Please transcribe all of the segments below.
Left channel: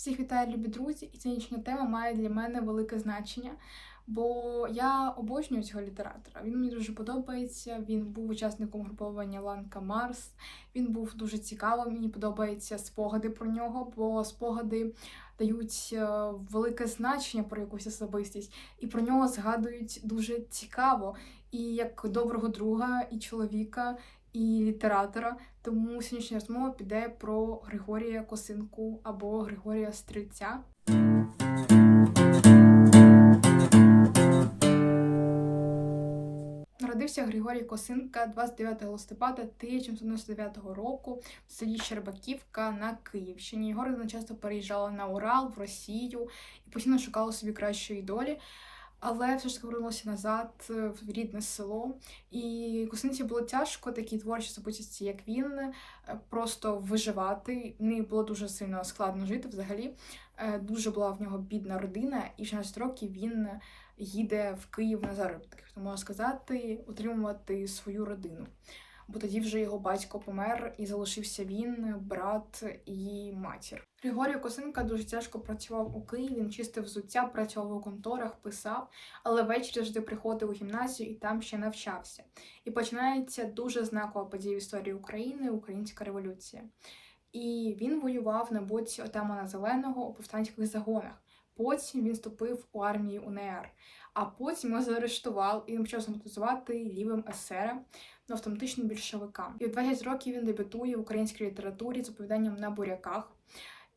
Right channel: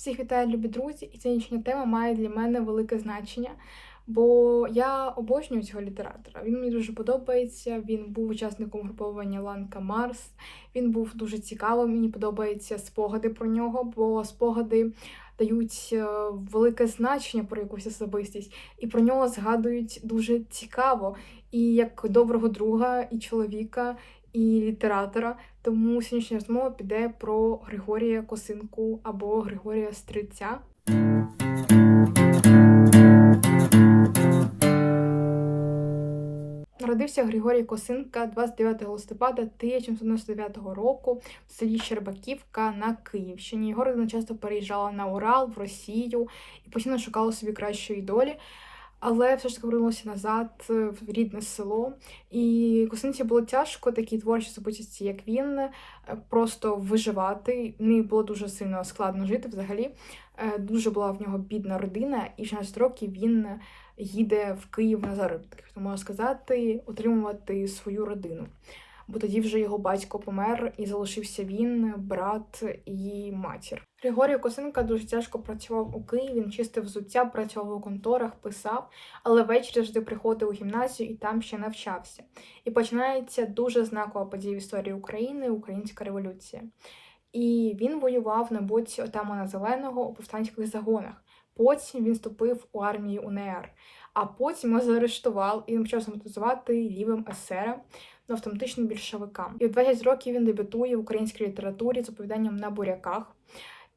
Всіх вітаю, любі друзі, і сьогоднішня тема має для мене велике значення, бо я обожнюю цього літератора. Він мені дуже подобається. Він був учасником груповання Ланка Марс. Він був дуже цікавим. Мені подобаються спогади про нього, бо спогади дають е, велике значення про якусь особистість, і про нього згадують дуже цікаво, і як доброго друга, і чоловіка, і літератора. Тому сьогоднішня розмова піде про Григорія Косинку або Григорія Стрільця. Народився Григорій Косинка 29 листопада 1799 року в селі Щербаківка на Київщині. Його родина часто переїжджала на Урал, в Росію і постійно шукала собі кращої долі. Але все ж таки повернулася назад е, в рідне село. І Косинці було тяжко такій творчій особистості, як він, е, просто виживати. Не було дуже сильно складно жити взагалі. Е, Дуже була в нього бідна родина, і в 16 років він їде в Київ на заробітки, можна сказати, утримувати свою родину. Бо тоді вже його батько помер і залишився він, брат і матір. Григорій Косинка дуже тяжко працював у Києві, він чистив взуття, працював у конторах, писав, але ввечері завжди приходив у гімназію і там ще навчався. І починається дуже знакова подія в історії України Українська революція. І він воював на боці отамана Зеленого у повстанських загонах. Потім він вступив у армію УНР, а потім його заарештував і почав самотизувати лівим есером ну, автоматичним більшовикам. І в 20 років він дебютує в українській літературі з оповіданням на буряках.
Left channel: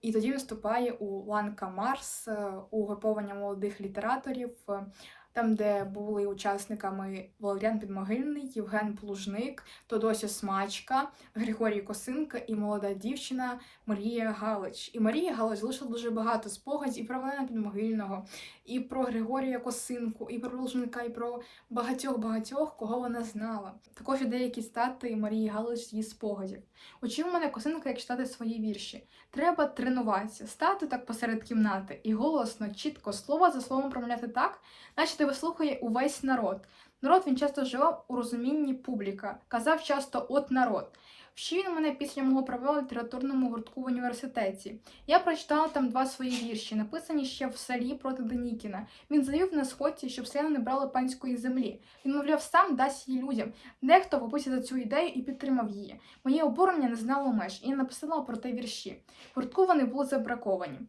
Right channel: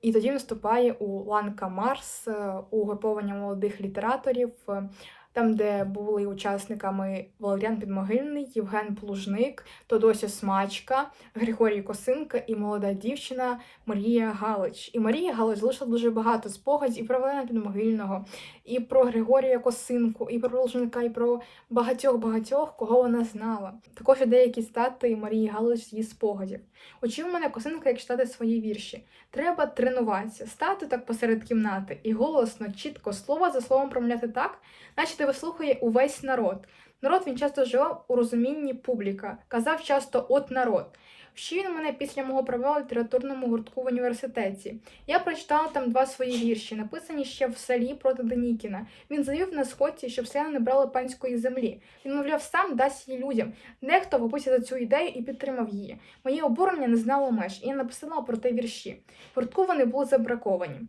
І тоді він у Ланка Марс, угруповання у груповання молодих літераторів, е, там, де були учасниками Валеріан Підмогильний, Євген Плужник, Тодося Смачка, Григорій Косинка і молода дівчина Марія Галич. І Марія Галич залишила дуже багато спогадів і про Валеріана Підмогильного, і про Григорія Косинку, і про Плужника, і про багатьох-багатьох, кого вона знала. Також є деякі стати Марії Галич з її спогадів. Учив мене Косинка, як читати свої вірші. Треба тренуватися, стати так посеред кімнати і голосно, чітко, слово за словом промовляти так, наче тебе слухає увесь народ. Народ він часто вживав у розумінні публіка, казав часто от народ. Вчив він мене після мого права у літературному гуртку в університеті. Я прочитала там два свої вірші, написані ще в селі проти Денікіна. Він завів на сходці, щоб селяни не брали панської землі. Він, мовляв, сам дасть її людям. Дехто вхопився за цю ідею і підтримав її. Моє обурення не знало меж, і я написала про те вірші. Гуртку вони були забраковані.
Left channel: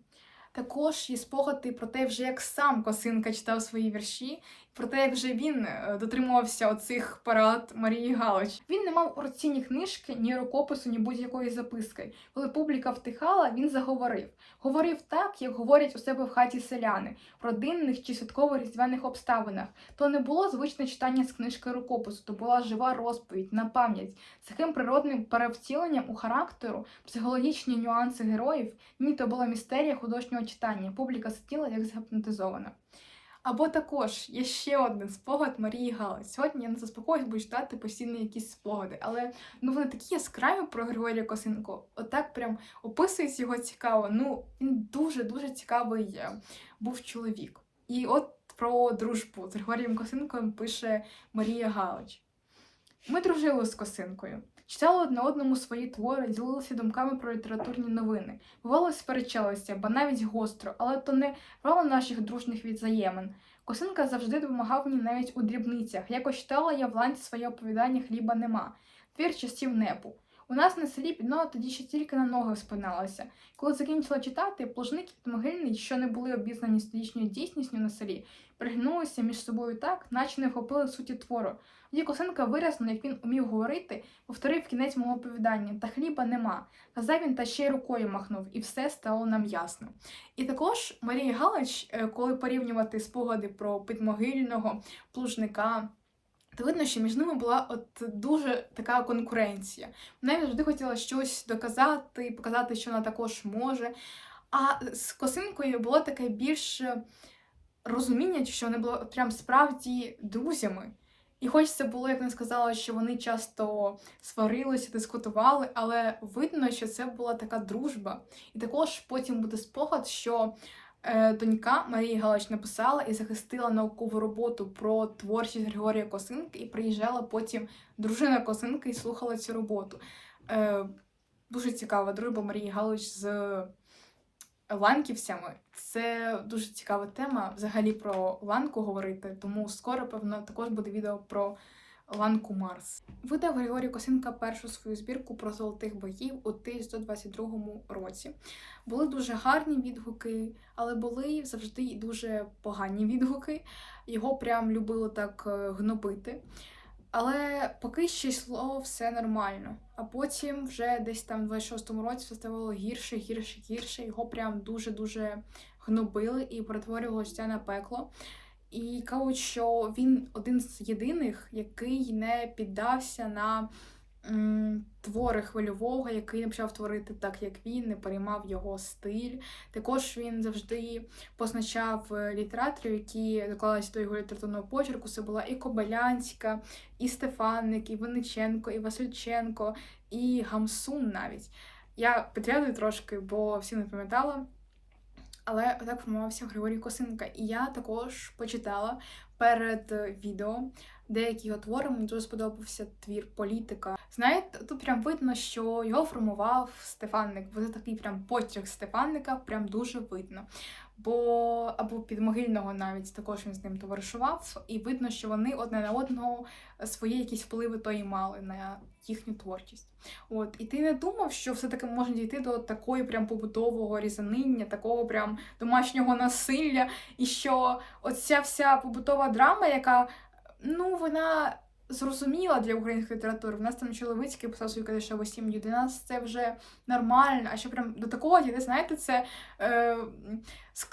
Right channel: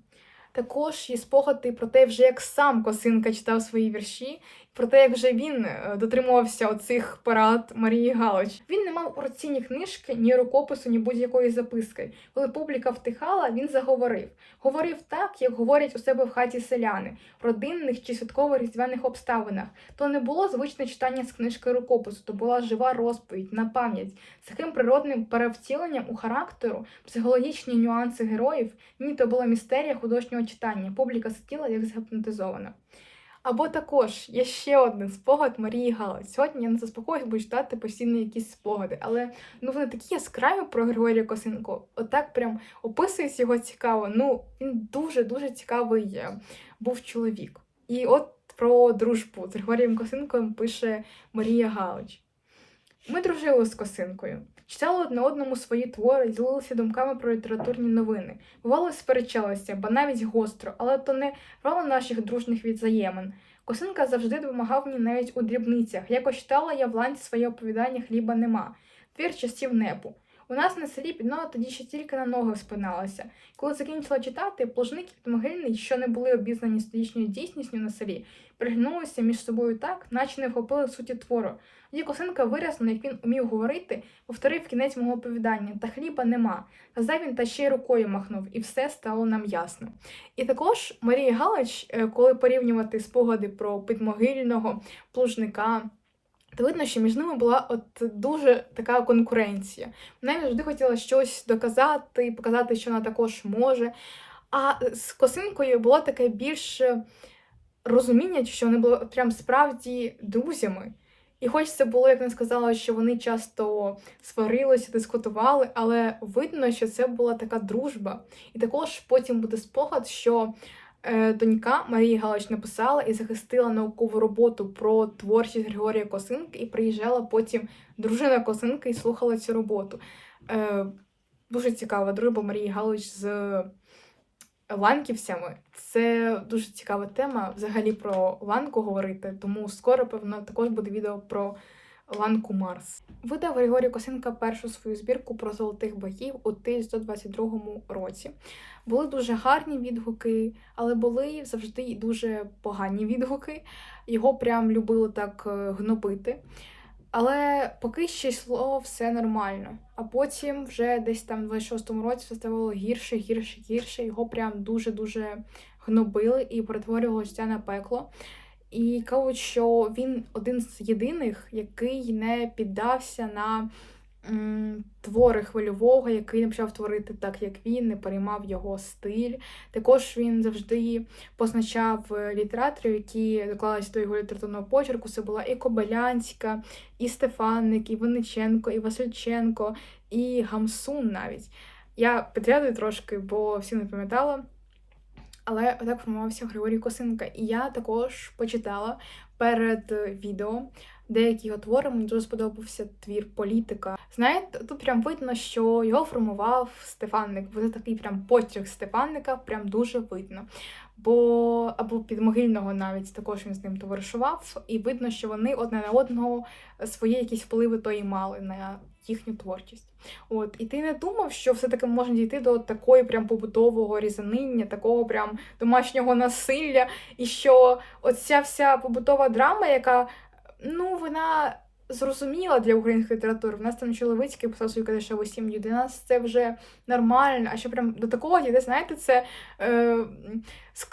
Також є спогади про те, вже як сам Косинка читав свої вірші, про те, як вже він е, дотримувався оцих парад Марії Галич. Він не мав у руці ні книжки, ні рукопису, ні будь-якої записки. Коли публіка втихала, він заговорив. Говорив так, як говорять у себе в хаті селяни, в родинних чи святково різдвяних обставинах. То не було звичне читання з книжки рукопису, то була жива розповідь на пам'ять з таким природним перевтіленням у характеру, психологічні нюанси героїв. Ні, то була містерія художнього читання. Публіка сиділа як згіпнотизована. Або також є ще один спогад Марії Галич. Сьогодні я не заспокоюсь, буду читати постійно якісь спогади, але ну вони такі яскраві про Григорія Косинку. Отак прям описується його цікаво. Ну, він дуже-дуже цікавий е, був чоловік. І от про дружбу з Григорієм Косинком пише Марія Галич. Ми дружили з Косинкою. Читали одне одному свої твори, ділилися думками про літературні новини. Бувало, сперечалися, ба навіть гостро, але то не рвало наших дружних відзаємин. Косинка завжди допомагав мені навіть у дрібницях. Якось читала я в ланці своє оповідання Хліба нема, твір часів непу. У нас на селі піднова тоді ще тільки на ноги спиналася. Коли закінчила читати, плужник і підмогильний, що не були обізнані з тодішньою дійсністю на селі, пригнулися між собою так, наче не вхопили суті твору. Тоді Косинка виразнено, як він умів говорити, повторив кінець мого оповідання, та хліба нема. Казав він та ще й рукою махнув, і все стало нам ясно. І також Марія Галич, е, коли порівнювати спогади про підмогильного плужника. То видно, що між ними була от дуже така конкуренція. Вона завжди хотіла щось доказати, показати, що вона також може. А з косинкою було таке більше розуміння, що вони були прям справді друзями. І хоч це було, як вона сказала, що вони часто сварилися, дискутували, але видно, що це була така дружба. І також потім буде спогад, що е, донька Марії Галич написала і захистила наукову роботу про творчість Григорія Косинки, і приїжджала потім дружина Косинки і слухала цю роботу. Е, дуже цікава дружба Марії Галич з ланківцями. Це дуже цікава тема взагалі про ланку говорити, тому скоро, певно, також буде відео про ланку Марс. Видав Григорій Косинка першу свою збірку про золотих богів у 1922 році. Були дуже гарні відгуки, але були завжди дуже погані відгуки. Його прям любили так е, гнобити. Але поки ще йшло все нормально. А потім, вже десь там в 26-му році, все ставало гірше, гірше, гірше. Його прям дуже-дуже гнобили і перетворювало життя на пекло. І кажуть, що він один з єдиних, який не піддався на твори хвильового, який почав творити так, як він, не переймав його стиль. Також він завжди позначав е, літераторів, які доклалися до його літературного почерку. Це була і Кобилянська, і Стефанник, і Винниченко, і Васильченко, і Гамсун навіть. Я підрядую трошки, бо всі не пам'ятала. Але отак формувався Григорій Косинка. І я також почитала перед е, відео деякі його твори. Мені дуже сподобався твір політика. Знаєте, тут прям видно, що його формував Стефанник. Бо такий прям почерк Стефанника, прям дуже видно. Бо або підмогильного навіть також він з ним товаришував, і видно, що вони одне на одного свої якісь впливи то і мали на їхню творчість. От, і ти не думав, що все-таки можна дійти до такої прям побутового різаниння, такого прям домашнього насилля, і що оця вся побутова драма, яка ну вона зрозуміла для української літератури. В нас там Чоловицький писав свою кадешеву сім'ю. Для нас це вже нормально. А що прям до такого дійде, знаєте, це е,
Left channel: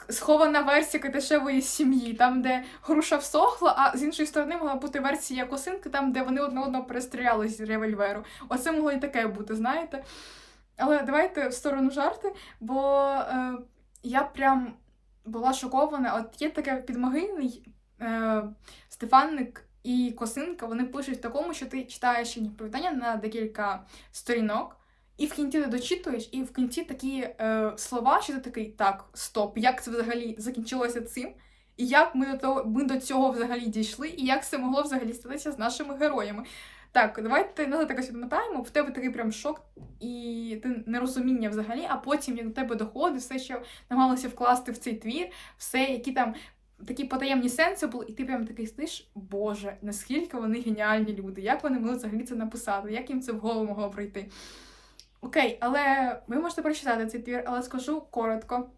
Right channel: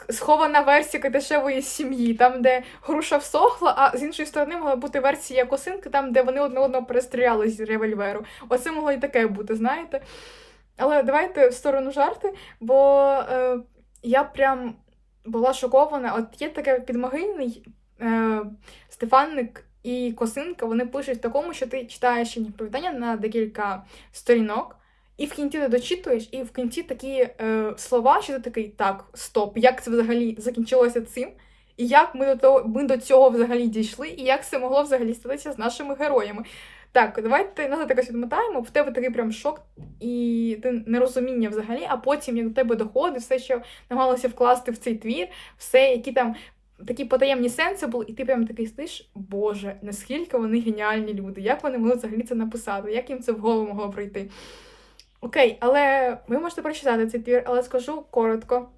схована версія кадешевої сім'ї, там, де груша всохла, а з іншої сторони могла бути версія косинки, там, де вони одне одного перестріляли з револьверу. Оце могло і таке бути, знаєте. Але давайте в сторону жарти, бо е, я прям була шокована. От є таке підмогильний е, Стефанник і Косинка, вони пишуть в такому, що ти читаєш їхні повідання на декілька сторінок, і в кінці ти дочитуєш, і в кінці такі е, слова, що ти такий, так, стоп, як це взагалі закінчилося цим? І як ми до того, ми до цього взагалі дійшли, і як це могло взагалі статися з нашими героями? Так, давайте назад якось відмотаємо. В тебе такий прям шок і ти нерозуміння взагалі, а потім як до тебе доходить все, що намагалося вкласти в цей твір, все, які там такі потаємні сенси були, і ти прям такий стиш, Боже, наскільки вони геніальні люди, як вони могли взагалі це написати, як їм це в голову могло прийти. Окей, але ви можете прочитати цей твір, але скажу коротко.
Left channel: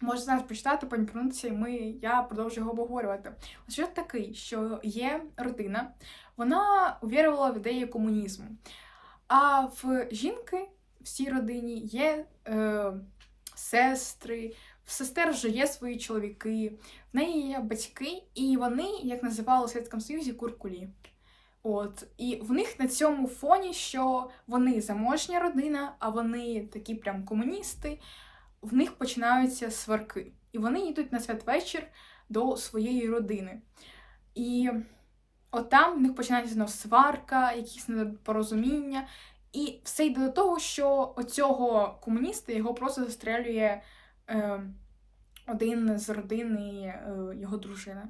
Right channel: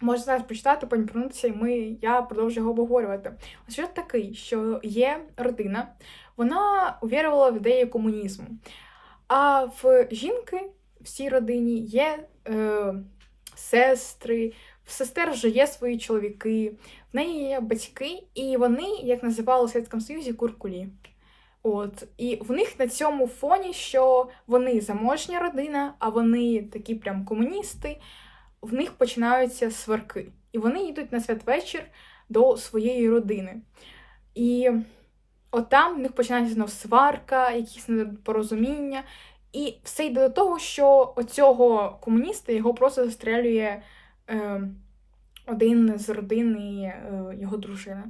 Можна зараз прочитати, повернутися, і ми, я продовжую його обговорювати. Ось що такий, що є родина, вона увірувала в ідеї комунізму. А в жінки в цій родині є е, сестри, в сестер вже є свої чоловіки, в неї є батьки, і вони, як називали у Совєтському Союзі, куркулі. От, і в них на цьому фоні, що вони заможня родина, а вони такі прям комуністи, в них починаються сварки. І вони йдуть на святвечір до своєї родини. І от там в них починається знов сварка, якісь непорозуміння. І все йде до того, що оцього комуніста його просто застрелює один з родини е, його дружини.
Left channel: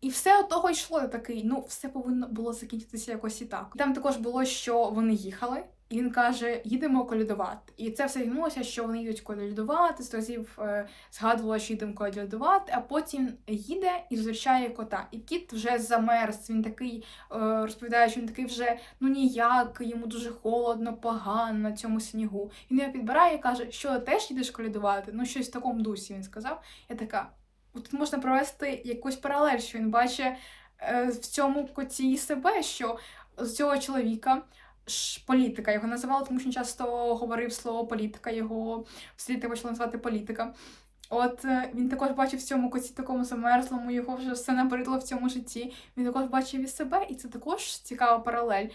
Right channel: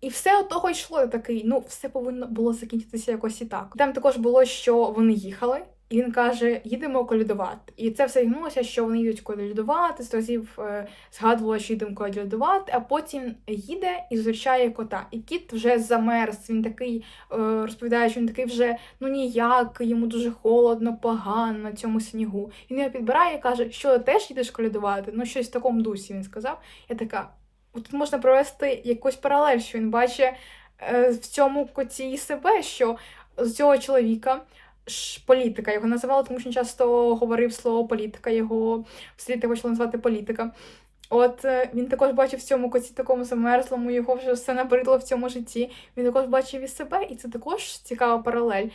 І все от того йшло такий, ну, все повинно було закінчитися якось і так. Там також було, що вони їхали, і він каже: їдемо колядувати. І це все гнулося, що вони їдуть колядувати, з разів е, згадувала, що їдемо колядувати, а потім їде і зустрічає кота. І кіт вже замерз. Він такий е, розповідає, що він такий вже ну ніяк, йому дуже холодно, погано на цьому снігу. Він його підбирає і каже, що теж їдеш колядувати? Ну, щось в такому дусі він сказав. Я така. Тут можна провести якусь паралель, що він бачить е, в цьому коті себе, що з цього чоловіка політика його називали, тому що він часто говорив слово політика, його в світі почали називати політика. От е, він також бачив в цьому коті такому замерзлому, його вже все набридло в цьому житті. Він також бачив і себе, і це також цікава паралель.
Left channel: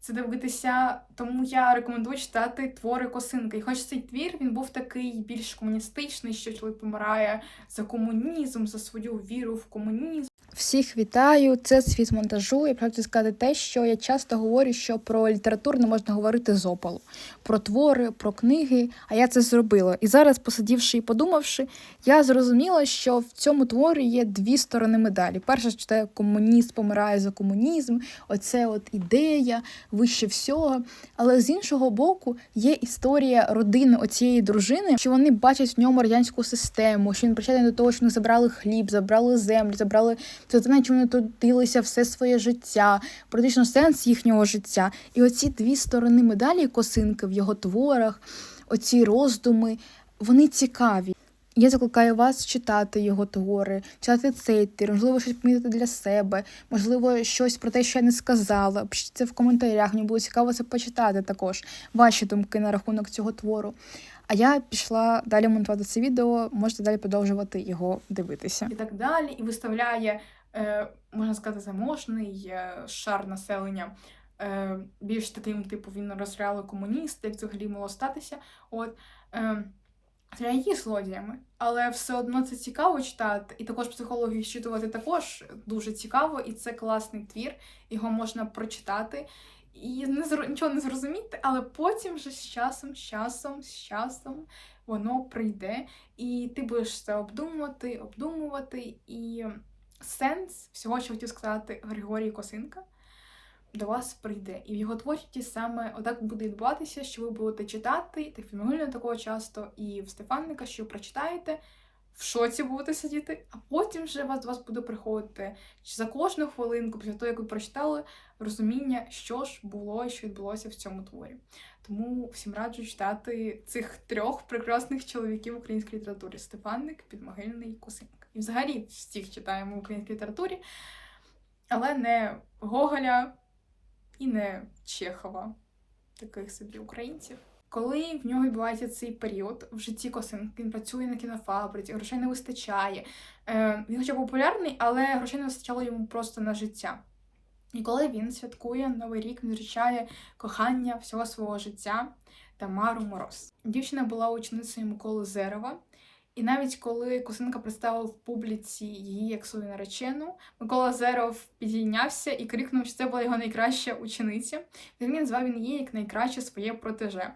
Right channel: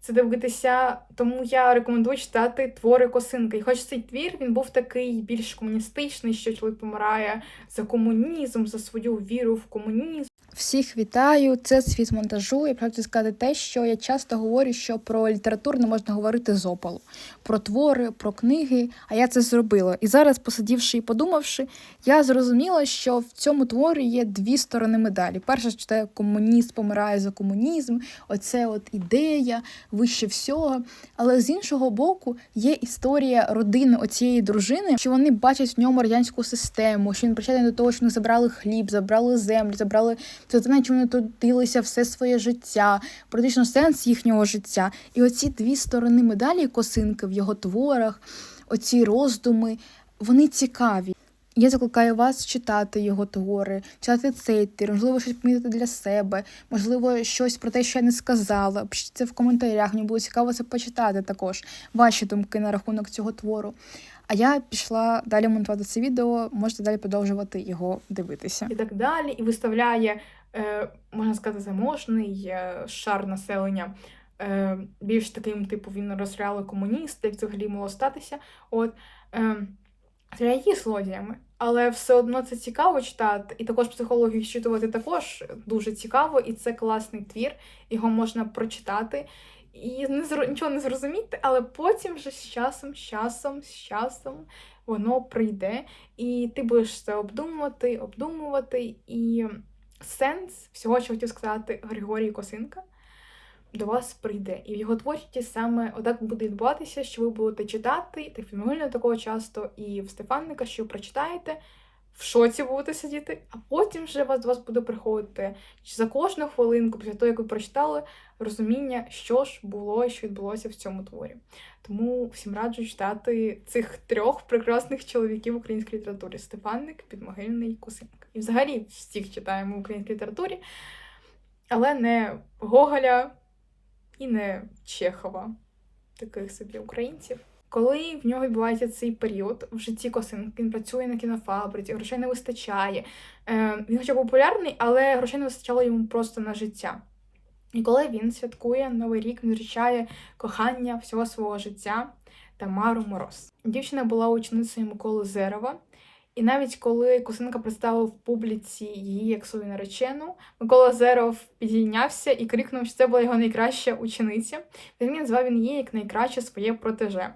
Це дивитися, тому я рекомендую читати твори Косинки. І хоч цей твір він був такий більш комуністичний, що чоловік помирає за комунізм, за свою віру в комунізм. Всіх вітаю! Це світ монтажу. Я хотіла сказати те, що я часто говорю, що про літературу не можна говорити з опалу, про твори, про книги. А я це зробила. І зараз, посидівши і подумавши, я зрозуміла, що в цьому творі є дві сторони медалі. Перша що це комуніст помирає за комунізм, оце от ідея. Вище всього. Але з іншого боку, є історія родини оцієї дружини, що вони бачать в ньому радянську систему, що він причетний до того, що вони забрали хліб, забрали землю, забрали це те, на чому вони трудилися все своє життя, практично сенс їхнього життя. І оці дві сторони медалі косинки в його творах, оці роздуми, вони цікаві. Я закликаю вас читати його твори, читати цей твір, можливо, щось помітити для себе, можливо, щось про те, що я не сказала. Пишіть це в коментарях. Мені було цікаво це почитати також. Ваші думки на рахунок цього твору. А я пішла далі монтувати це відео, можете далі продовжувати його дивитися. і так далі, і виставляє, е, можна сказати, заможний е, шар населення. Е, більш таким, типу, він розстріляли комуніст, як взагалі могло статися. От, стріляє її злодіями, але все одно це цікаво читати, і також психологію читувати також дуже цікаво, і це класний твір, його можна прочитати. І не зро- нічого не зрозуміти, але потім вже з часом, з часом, з часом воно прийде, і ти будеш це обдумувати, обдумувати. І сенс всього, що хотів сказати Григорій Косинка, до вас прийде. І в його творчості саме отак буде відбуватися, що ви будете читати, та фільмогильно такого часто, і в Стефанника, що прочитаєте, в шоці будете сидіти, а потім вже вас до вас буде приходити за кожну хвилинку, після того, як ви прочитали, розуміння, що ж було і що відбулося в цьому творі. Тому всім раджу читати цих трьох прекрасних чоловіків в українській літературі: Стефанник, Підмогильний, Косинка. І взагалі всіх читаємо в українській літературі, але не Гоголя і не Чехова, таких собі українців. Коли в нього відбувається цей період в житті Косинки, він працює на кінофабриці, грошей не вистачає. Е, він хоча популярний, але грошей не вистачало йому просто на життя. І коли він святкує Новий рік, він зустрічає кохання всього свого життя Тамару Мороз. Дівчина була ученицею Миколи Зерова. І навіть коли Косинка представив в публіці її як свою наречену, Микола Зеров підійнявся і крикнув, що це була його найкраща учениця. Взагалі назвав він її як найкраще своє протеже.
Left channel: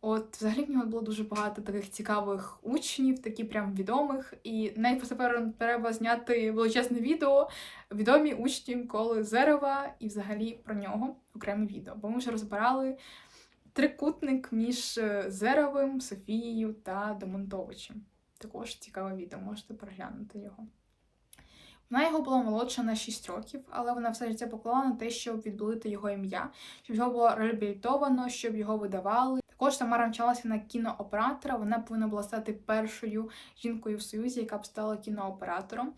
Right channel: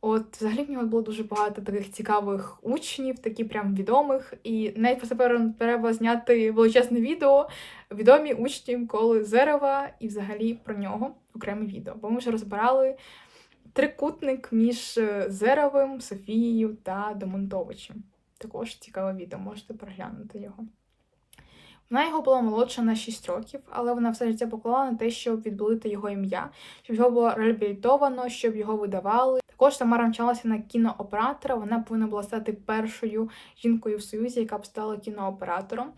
От, взагалі в нього було дуже багато таких цікавих учнів, такі прям відомих. І навіть просто треба зняти величезне відео відомі учні Миколи Зерова і взагалі про нього окреме відео. Бо ми вже розбирали трикутник між е, Зеровим, Софією та Домонтовичем. Також цікаве відео, можете переглянути його. Вона його була молодша на 6 років, але вона все життя поклала на те, щоб відбілити його ім'я, щоб його було реабілітовано, щоб його видавали. Також Тамара навчалася на кінооператора. Вона повинна була стати першою жінкою в Союзі, яка б стала кінооператором.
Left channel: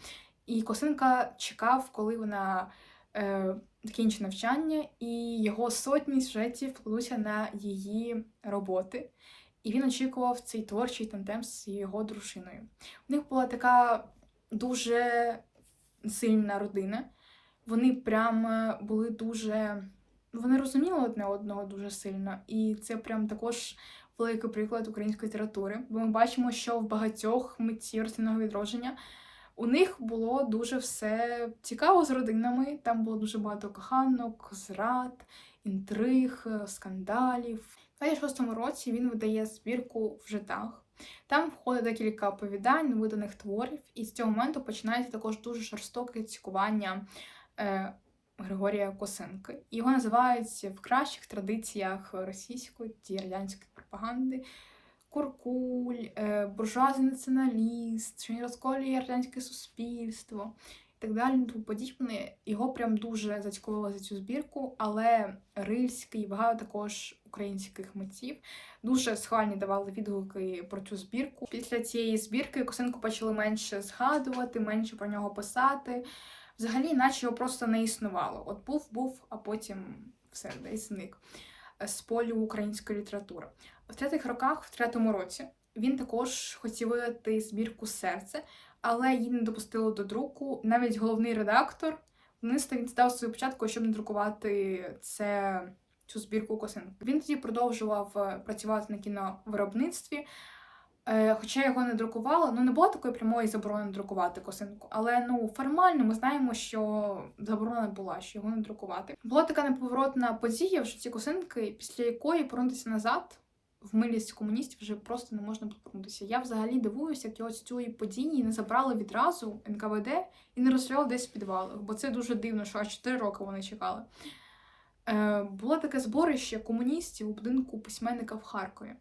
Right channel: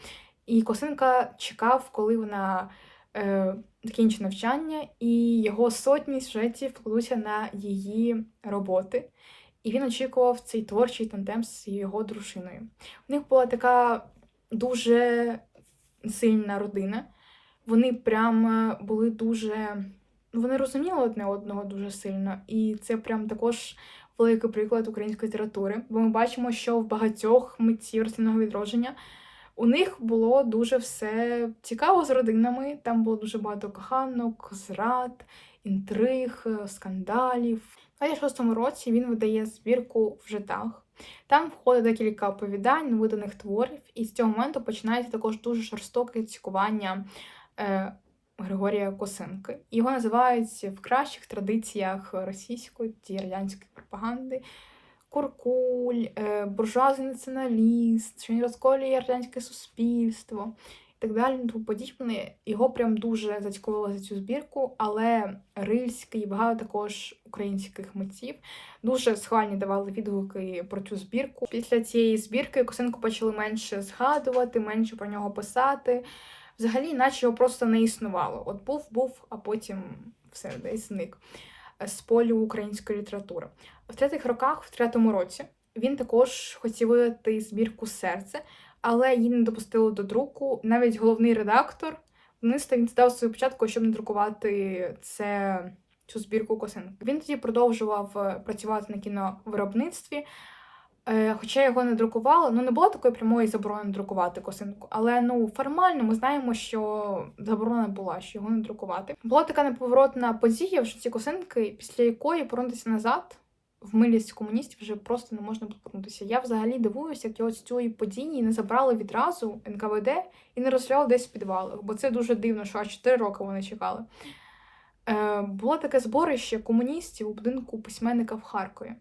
І Косинка чекав, коли вона е, закінчить навчання, і його сотні сюжетів вкладуться на її роботи. І він очікував цей творчий тандем з його дружиною. У них була така дуже сильна родина. Вони прям е, були дуже. Вони розуміли одне одного дуже сильно, і це прям також великий приклад української літератури. Бо ми бачимо, що в багатьох митців рослинного відродження у них було дуже все цікаво з родинами. Там було дуже багато коханок, зрад, інтриг, е, скандалів. У 26-му році він видає збірку в житах. Там входить декілька оповідань, виданих творів, і з цього моменту починається також дуже жорстоке цькування е, Григорія Косинки. Його називають в кращих традиціях російської та радянської пропаганди. Куркуль, е, буржуазний націоналіст, що він розколює радянське суспільство так далі. Тому подібне. Його прям дуже зацікавило за цю збірку, але Рильський і багато також українських митців дуже схвальні давали відгуки про цю збірку. Після цієї збірки Косинку почали менше згадувати, менше про нього писати. Взагалі, наче його просто не існувало. От був, був, а потім все десь зник з полю української літератури. В третіх роках, в третьому році, він також хотів видати збірку серце, але її не допустили до друку. Навіть головний редактор вниста він здав свою початку, щоб не друкувати це. Цю збірку косинки. Він тоді продовжував е, працювати на кіновиробництві, е, хоча його не друкували. Ну, не було такої прямої заборони друкувати косинку, але ну формально ми знаємо, що заборона була, що його не друкувати. Була така неповоротна подія в житті косинки, після якої повернутися назад в милість комуністів вже просто не можна повернутися. Я взагалі дивуюся, як його з цієї події не забрали відразу НКВД і не розстріляли десь в підвалах, бо це дуже дивно, що аж 4 роки вони чекали. е, було таке зборище комуністів у будинку письменника в Харкові.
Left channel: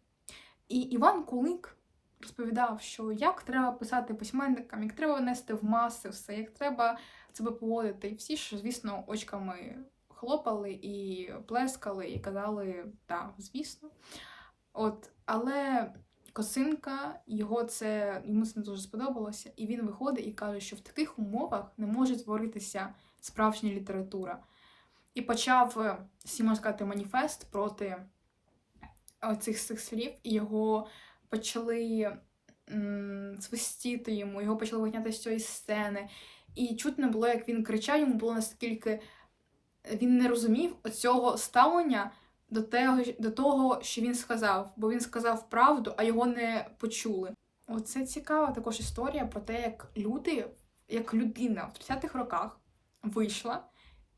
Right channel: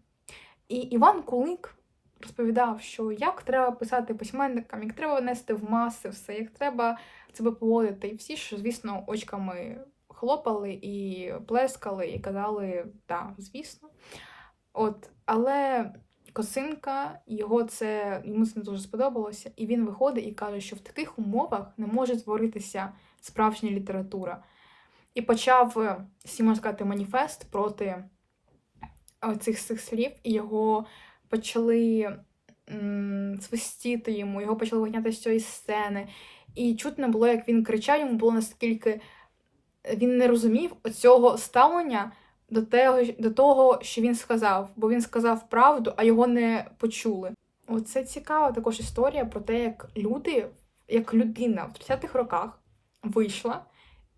І Іван Кулик розповідав, що як треба писати письменникам, як треба внести в маси все, як треба себе поводити. І всі ж, звісно, очками хлопали і плескали, і казали, так, звісно. От, але Косинка, його це йому це не дуже сподобалося, і він виходить і каже, що в таких умовах не може творитися справжня література. І почав, е, всі сказати, маніфест проти цих цих слів, і його почали м, свистіти йому, його почали виганяти з цієї сцени. І чутно було, як він кричав, йому було наскільки він не розумів оцього ставлення до того, до того, що він сказав, бо він сказав правду, а його не почули. Оце цікава також історія про те, як люди, як людина в 30-х роках вийшла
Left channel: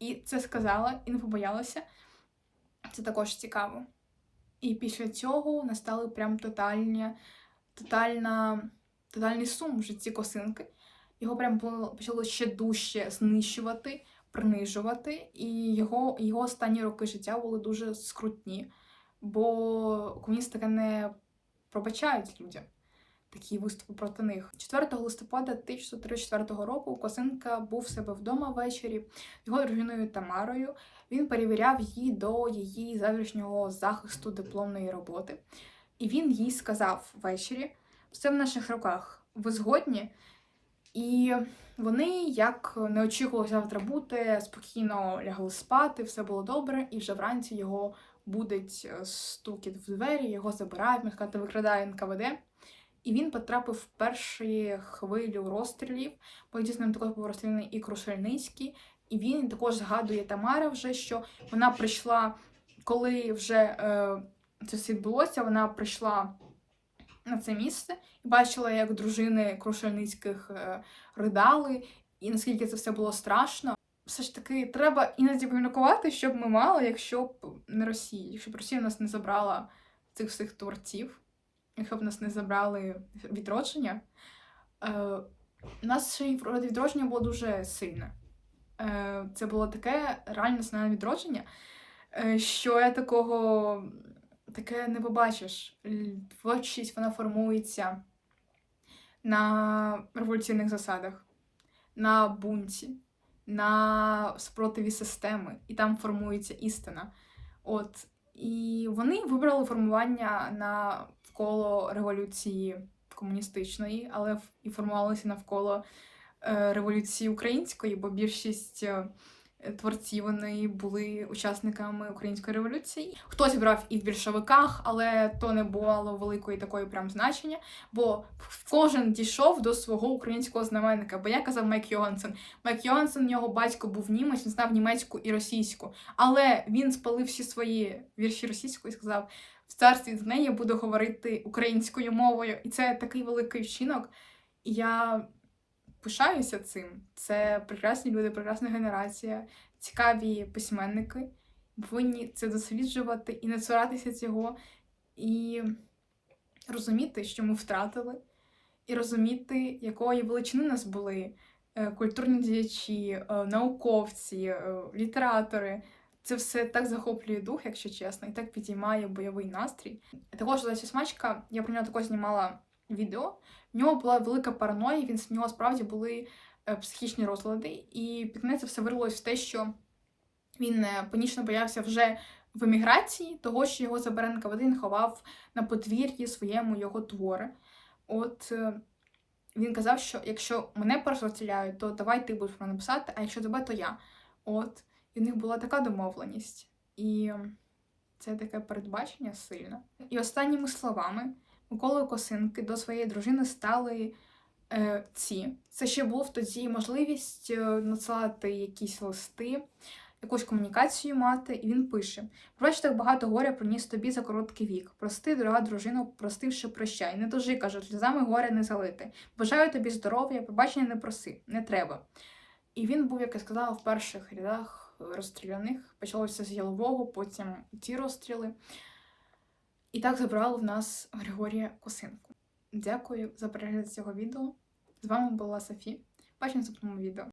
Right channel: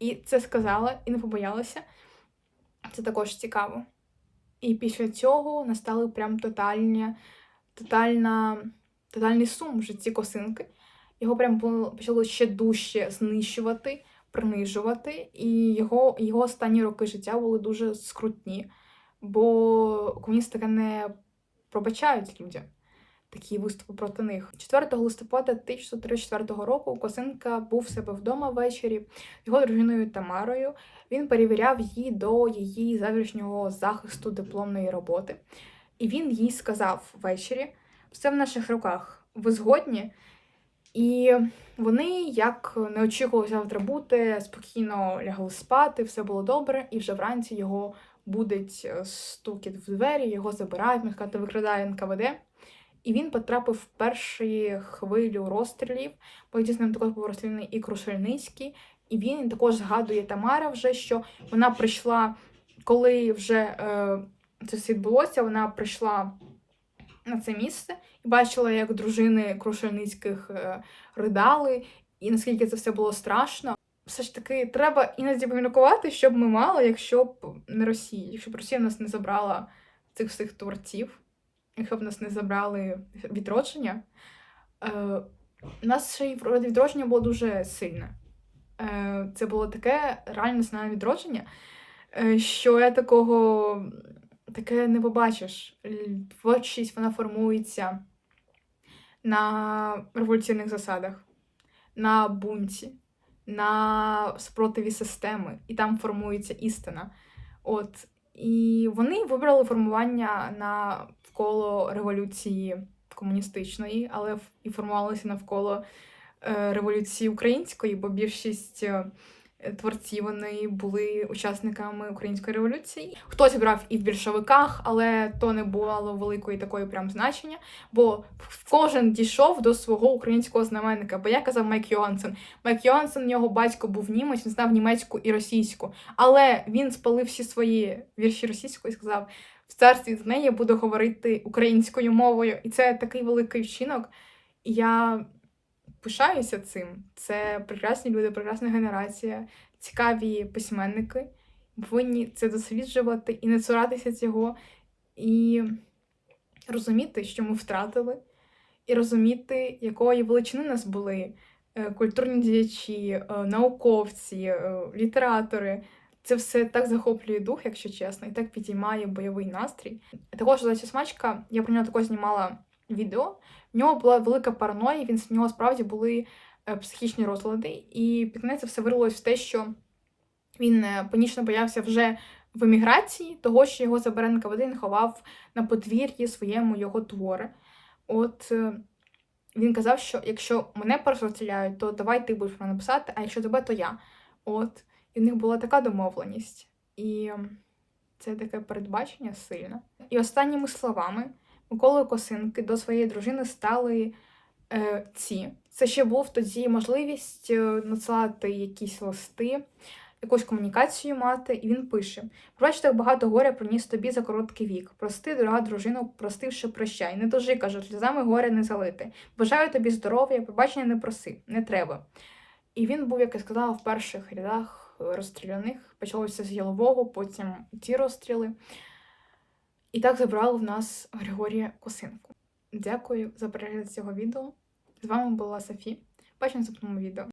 і це сказала, і не побоялася. Це також цікаво. І після цього настали прям тотальні, тотальна, тотальний сум в житті косинки. Його прям почало ще дужче знищувати, принижувати, і його, його останні роки життя були дуже скрутні, бо комуністи таке не пробачають людям. Такі виступи проти них. 4 листопада 1934 року Косинка був в себе вдома ввечері його дружиною Тамарою. Він перевіряв її до її завтрашнього захисту дипломної роботи. І він їй сказав ввечері: все в наших руках, ви згодні? І вони, як не очікували завтра бути, спокійно лягли спати, все було добре, і вже вранці його будить е, стукіт в двері, його забирають, можна викрадає НКВД. І він потрапив в перші хвилю розстрілів. Потім з ним також був розстріляний і Крушельницький. І він також згадує Тамара вже, що вона прийшла, коли вже е, це все відбулося, вона прийшла на це місце і бачила, як дружини Крушельницьких е, ридали, і наскільки це все було страшно. Все ж таки, треба іноді поміркувати, що б ми мали, якщо б не Росія, якщо б Росія нас не забрала цих всіх творців, якщо б нас не забрали відродження. Е, у нас ще й відродження було дуже сильне. Е, це було таке реальне національне відродження, е, що я такого таке не побачиш. Творчість вона формується на революційних засадах, на бунті, на спротиві системи, і там формується істина. От. І вони вибрали формування навколо революції комуністичної, але і формувалися навколо е, революції української, бо більшість творців вони були учасниками української революції. Хтось брав і в більшовиках, але то не було великої такої прям значення, бо кожен дійшов до свого українського знаменника. Бо я казав Майк Йогансен. Майк Йогансен, його батько був німець, він знав німецьку і російську. Але він спалив всі свої вірші російською і сказав: в царстві з неї буду говорити українською мовою. І це такий великий вчинок. Я пишаюся цим. Це прекрасні люди, прекрасна генерація, цікаві письменники. Повинні це досліджувати і не цуратися цього, і розуміти, що ми втратили, і розуміти, якої величини нас були е, культурні діячі, е, науковці, е, літератори. Це все так захоплює дух, якщо чесно, і так підіймає бойовий настрій. Також Леся Смачка, я про нього також знімала відео. В нього була велика параноя, він в нього справді були е, психічні розлади, і під кінець все вирвалося в те, що він е, панічно боявся вже в еміграції, того, що його забере він ховав на подвір'ї своєму його твори. От е, він казав, що якщо мене перш то давай ти будеш мене писати, а якщо тебе, то я. От. І в них була така домовленість. І це таке передбачення сильне. І останніми словами Миколи Косинки до своєї дружини стали е, ці. Це ще був тоді можливість е, надсилати якісь листи, якусь комунікацію мати, і він пише: Пробач, так багато горя приніс тобі за короткий вік. Прости, дорога дружина, простивши, прощай. Не дожи, каже, сльозами горя не залити. Бажаю тобі здоров'я, пробачення не проси, не треба. І він був, як я сказала, в перших рядах розстріляних. Почалося з Ялового, потім ті розстріли. І так забрали в нас Григорія Косинку. Дякую за перегляд цього відео. З вами була Софі. Бачимо в наступному відео.